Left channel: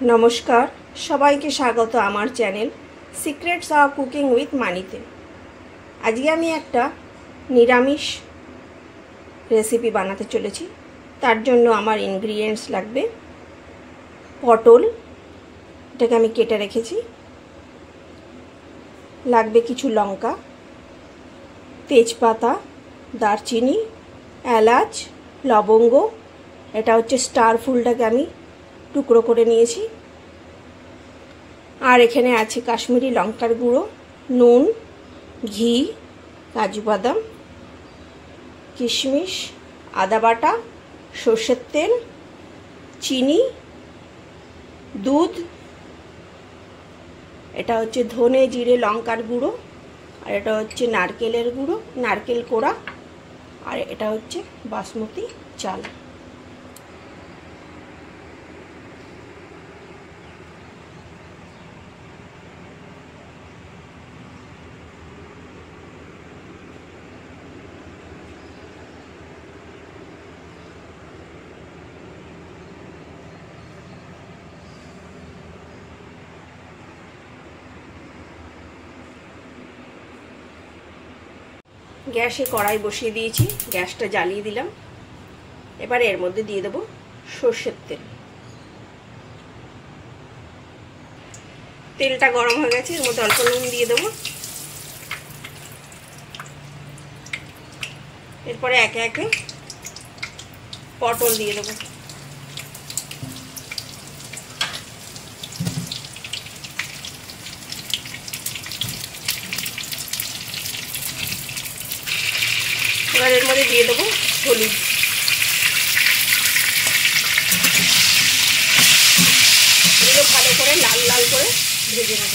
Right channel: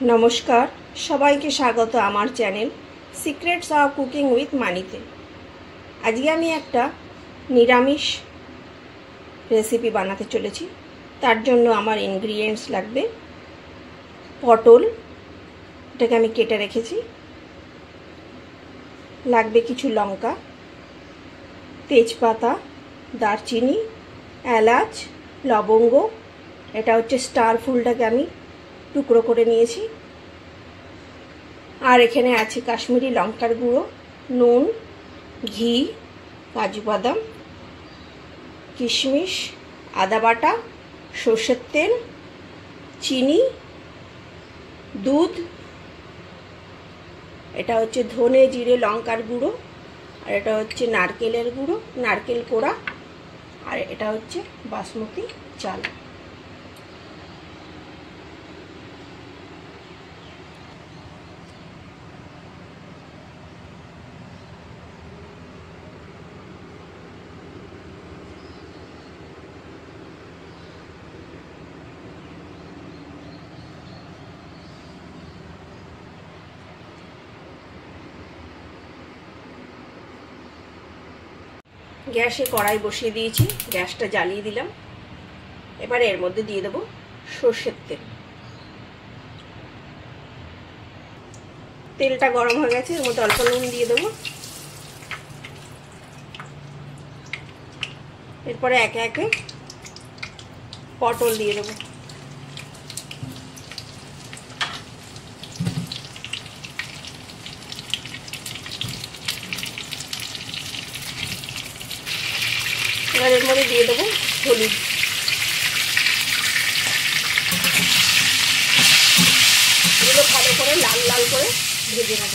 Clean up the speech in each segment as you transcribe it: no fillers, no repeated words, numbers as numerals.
नमस्कार सबाइके स्वागत आमार channel secrets of cooking with मानीते। आज के आमी एकटा निरामिष रेसिपि बानाते चलेछि। तार जोन्नो आमार इनग्रेडिएंट्स लागबे पटल, एटाके आमी केटे रेखेछि, लागबे किछु लंका, तेजपाता, दारचिनी, एलाच, लवंग, एटा होच्छे स्टार फुलटाके आमी टुकरो करे निয়েছি। আর এখানে আছে কাশ্মীরি লঙ্কার গুঁড়ো, নুন, ঘি, কাজু বাদাম, কিশমিশ, আদা বাটা, সরষের তেল, চিনি, দুধ, এটা হচ্ছে ধনে জিরে লঙ্কার গুঁড়ো, আর এটা হচ্ছে নারকেলের গুঁড়ো, নারকেল কোড়া, আর এটা হচ্ছে বাসমতি চাল। গ্যাসে কড়াই বসিয়ে দিয়েছি, গ্যাসটা জ্বালিয়ে দিলাম। এবারে এর মধ্যে দিয়ে দেব সরষের তেল। তেলটা গরম হয়ে গেছে, এর মধ্যে অল্প নুন দিয়ে দেব। এরপরে একে একে পটল দিয়ে দেব। এবার এর মধ্যে দিয়ে দেবো হলুদ। এগুলো ভালো করে লাল লাল করে ভেজে নেব।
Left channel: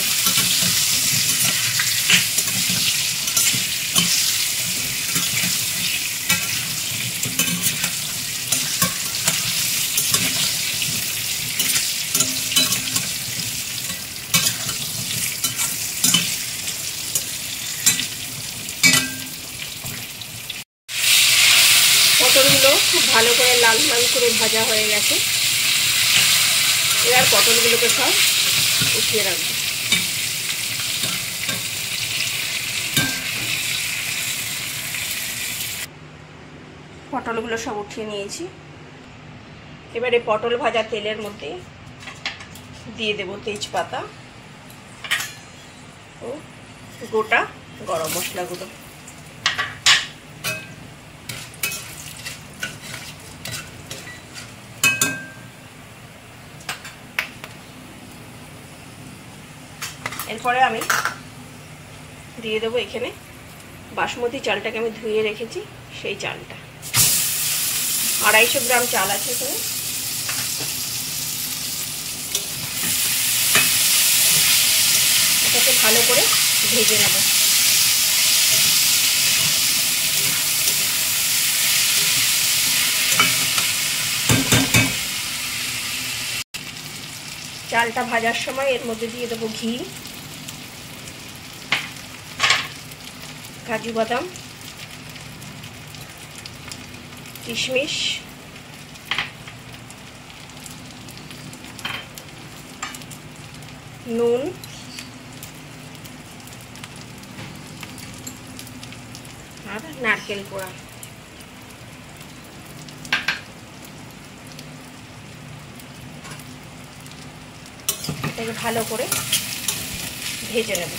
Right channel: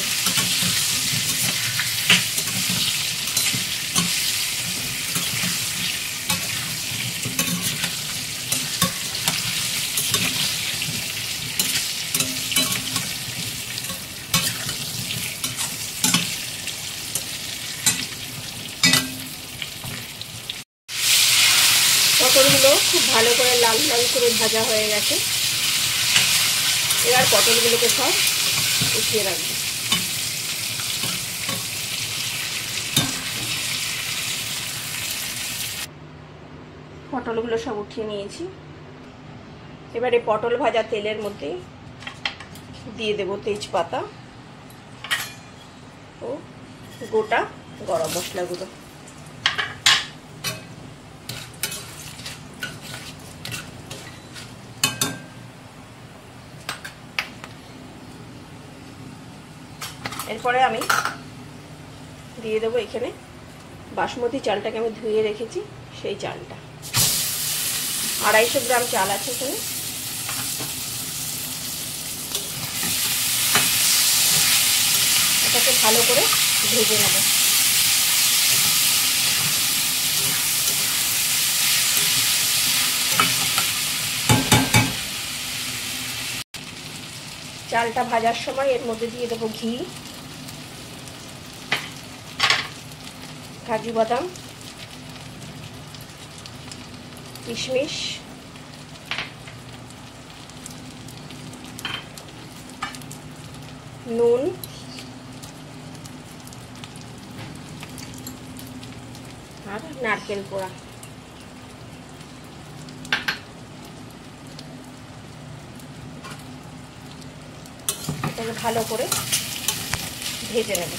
পটলগুলো খুব ভালো করে লাল লাল করে ভাজা হয়ে গেছে। এবার পটলগুলোকে সব উঠিয়ে রাখবো। পটলগুলো সব উঠিয়ে নিয়েছি। এবারে পটল ভাজা তেলের মধ্যে দিয়ে দেব তেজপাতা ও গোটা গরম মশলাগুলো। এরপরে আমি দিয়ে দেবো এখানে বাসমতি চালটাকে আমি ধুয়ে রেখেছি, সেই চালটা 250 গ্রাম চাল আছে এখানে। এটাকে ভালো করে ভেজে নেব। চালটা ভাজার সময় এর মধ্যে দিয়ে দেবো ঘি, কাজু বাদাম, কিশমিশ, নুন, আর নারকেল কোড়া। এটাকে ভালো করে ভেজে নেব।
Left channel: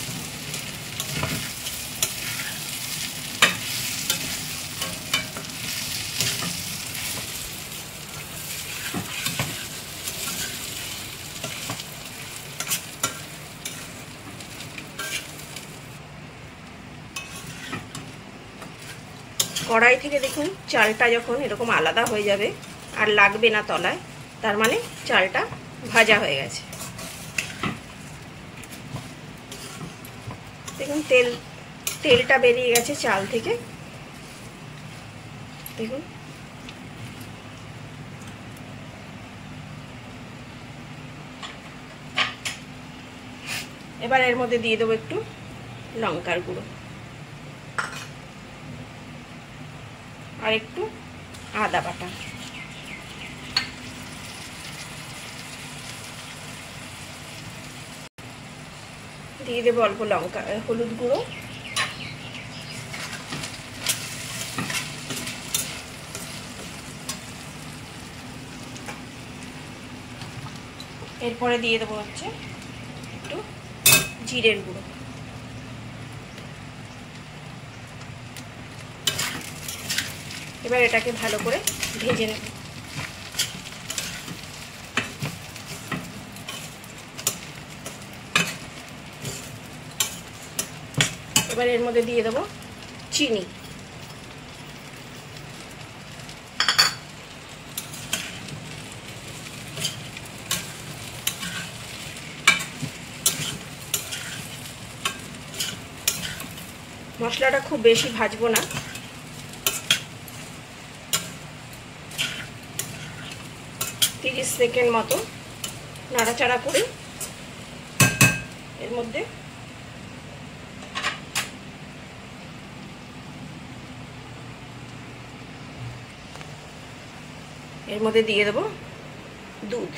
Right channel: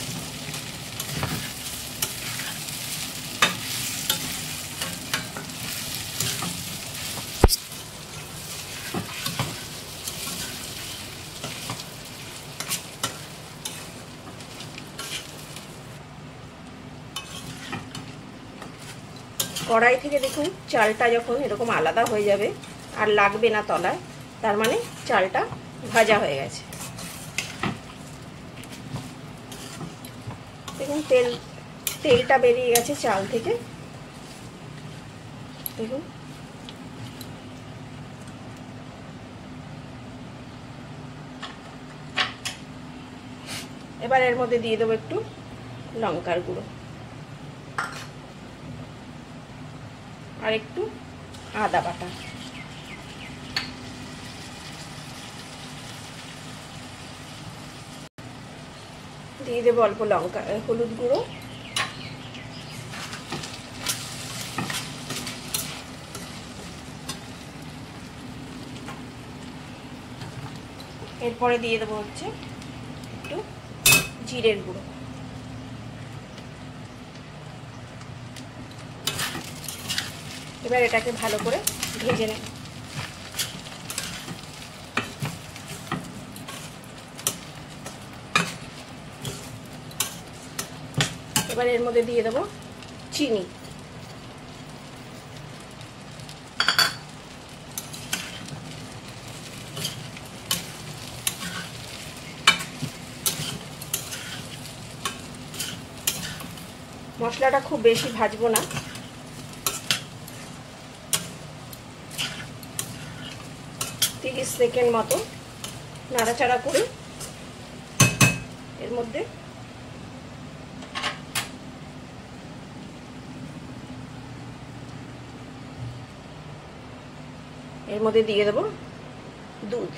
কড়াই থেকে দেখুন চালটা যখন এরকম আলাদা হয়ে যাবে আর লাগবে না তলায়, তার মানে চালটা ভাজা হয়ে গেছে। দেখুন তেলটা বেরিয়ে গেছে চাল থেকে। দেখুন এবার এর মধ্যে দিয়ে দেবো একটু লঙ্কার গুঁড়ো আর একটু আদা বাটা। দিয়ে দেবো অল্প লঙ্কা হলুদ গুঁড়ো, এরপরে দিয়ে দেবো হচ্ছে একটু জিরের গুঁড়ো, এবার এটাকে ভালো করে ভেজে নেব। এবার এর মধ্যে দিয়ে দেবো চিনি, মশলাটা খুব বেশি ভাজবো না, 30 সেকেন্ড মতো নাড়াচাড়া করে এর মধ্যে দিয়ে দেবো দুধ।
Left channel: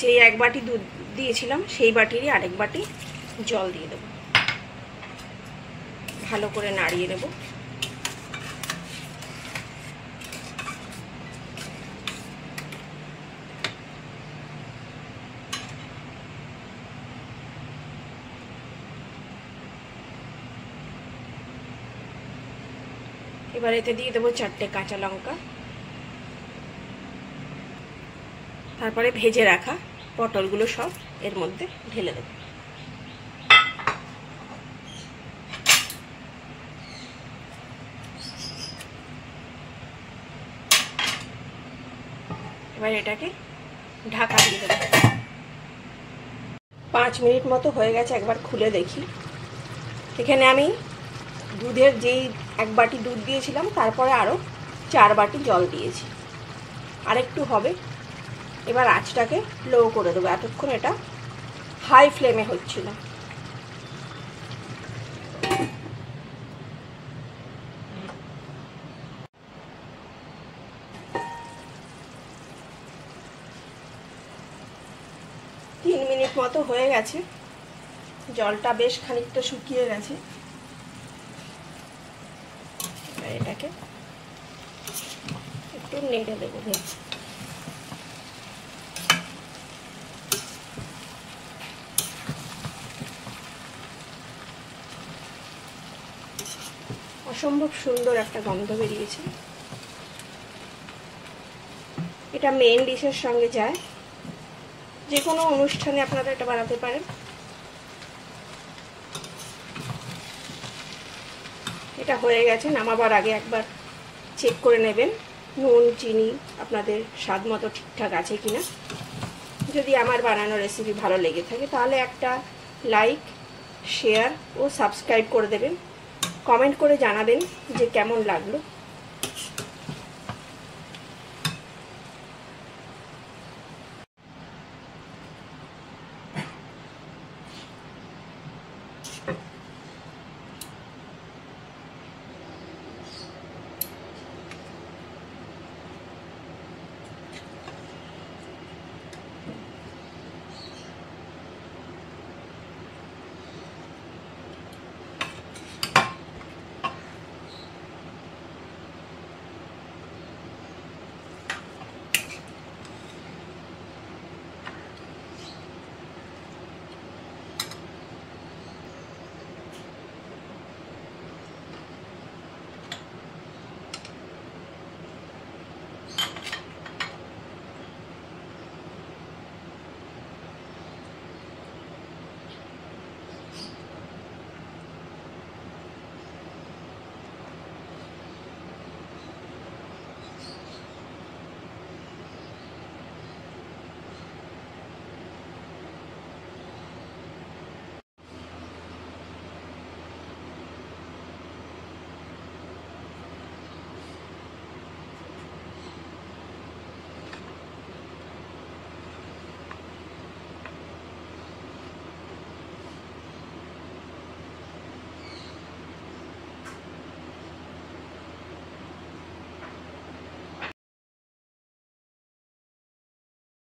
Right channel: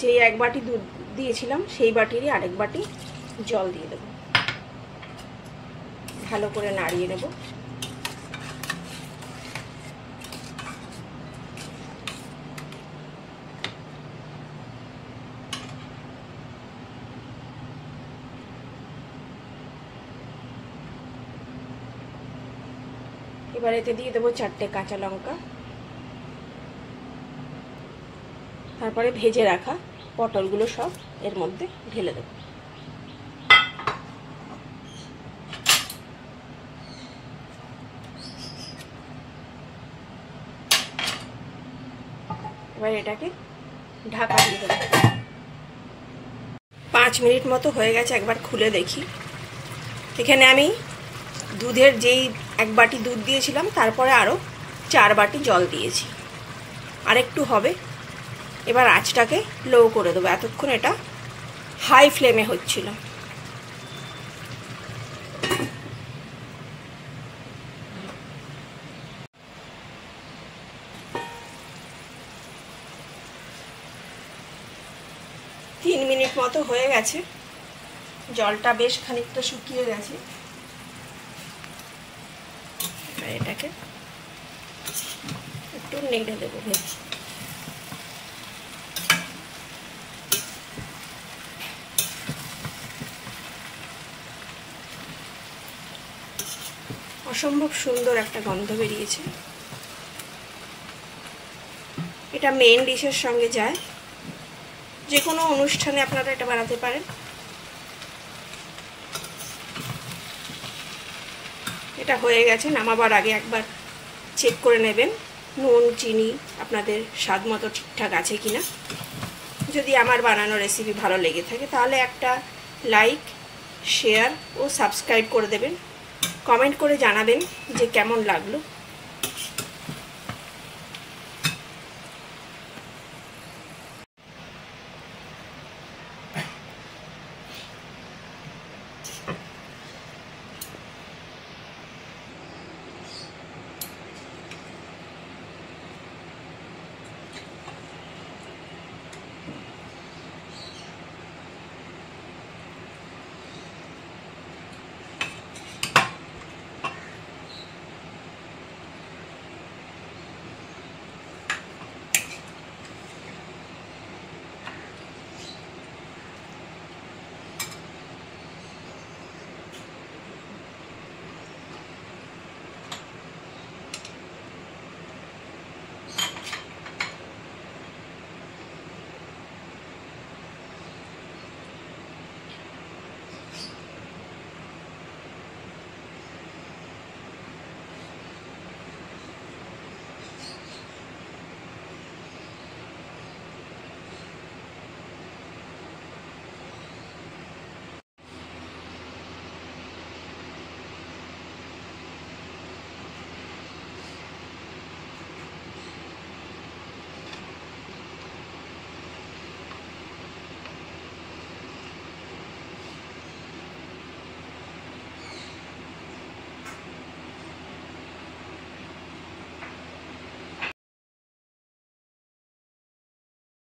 যে এক বাটি দুধ দিয়েছিলাম সেই বাটিরই আরেক বাটি জল দিয়ে দেবো, ভালো করে নাড়িয়ে নেব। এবার এতে দিয়ে দেবো 4টে কাঁচা লঙ্কা, তারপরে ভেজে রাখা পটলগুলো সব এর মধ্যে ঢেলে দেব। এবার এটাকে ঢাকা দিয়ে দেব। 5 মিনিট মতো হয়ে গেছে, একবার খুলে দেখি। এখানে আমি দুধের যেই 1 বাটি দুধ দিয়েছিলাম তারপরে আরও 4 বাটি জল দিয়েছি, আর একটু হবে। এবার আঁচটাকে লো করে দেবো, এতক্ষণ এটা হাই ফ্লেমে হচ্ছিল। তিন মিনিট মতো হয়ে গেছে, জলটা বেশ খানিকটা শুকিয়ে গেছে। এবার এটাকে একটু নেড়ে দেবো ভেজে। অসম্ভব সুন্দর একটা গন্ধ বেরিয়েছে। এটা মেইন ডিশের সঙ্গে যায়, যে কোনো অনুষ্ঠানে আপনারা এটা বানাতে পারেন। এটা হয়ে গেছে, নামাবার আগে একবার চেক করে নেবেন নুন চিনি আপনাদের স্বাদ মতো ঠিকঠাক আছে কিনা। যদি আমার বানানো রেসিপি ভালো লেগে থাকে তাহলে একটা লাইক শেয়ার ও সাবস্ক্রাইব করে দেবেন। কমেন্ট করে জানাবেন যে কেমন লাগলো।